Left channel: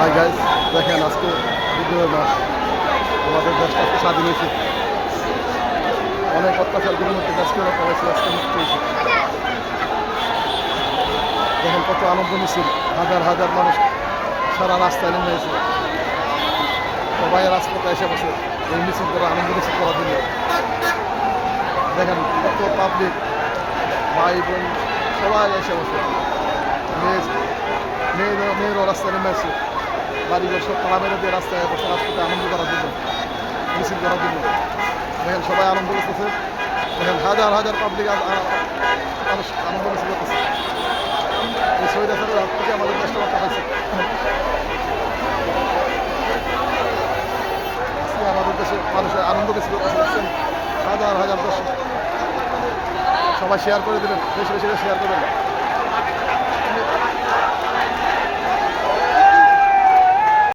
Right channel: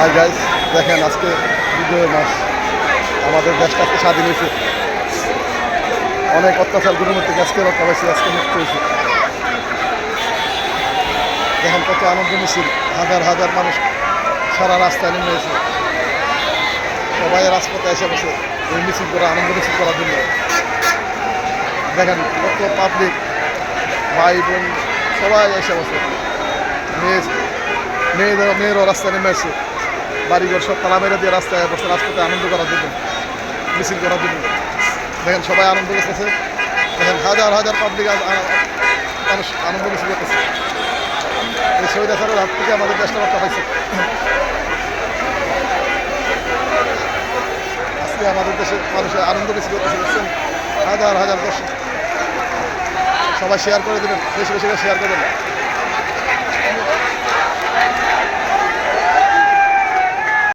Hi guys, দেখেন আজকে বিজয় মাস আমাদের দেশটা আজকে স্বাধীন হয়েছে। অনেক অত্যাচারগুলোর মধ্যে আজকে রক্ষা হয়েছে, আজকে মুক্ত হয়েছে। দেখেন কত আনন্দ মিছিল, হাজার হাজার মানুষ সারা রাস্তায় নেমে এসে সবাই রাজপথে এসে বসে এই মিছিল করা, আনন্দ মিছিল করার জন্য। দেখেন কত পাবলিক, ভাই বোন সবাই এসে বসে, মেয়েরও রাস্তায় নেমে এসে বাড়িঘর সব তালা মেরে দিয়ে রাস্তায় বসে রাজপথে আনন্দ করার জন্য, মিছিল করার জন্য। দেখেন সবাই আনন্দ করতেছে, দেখেন হাজার হাজার পাবলিক মানুষ আনন্দ মিছিল করতেছে। এই স্বৈরাচারের হাত থেকে আমাদের দেশটা রক্ষা পাইছে। আজকে আমাদের দেশে মানুষের আনন্দ মিছিল করতেছে, দেখছেন হাজার হাজার দর্শক। সবাই শেয়ার করে দেবেন, বেশি বেশি করে শেয়ার করবেন।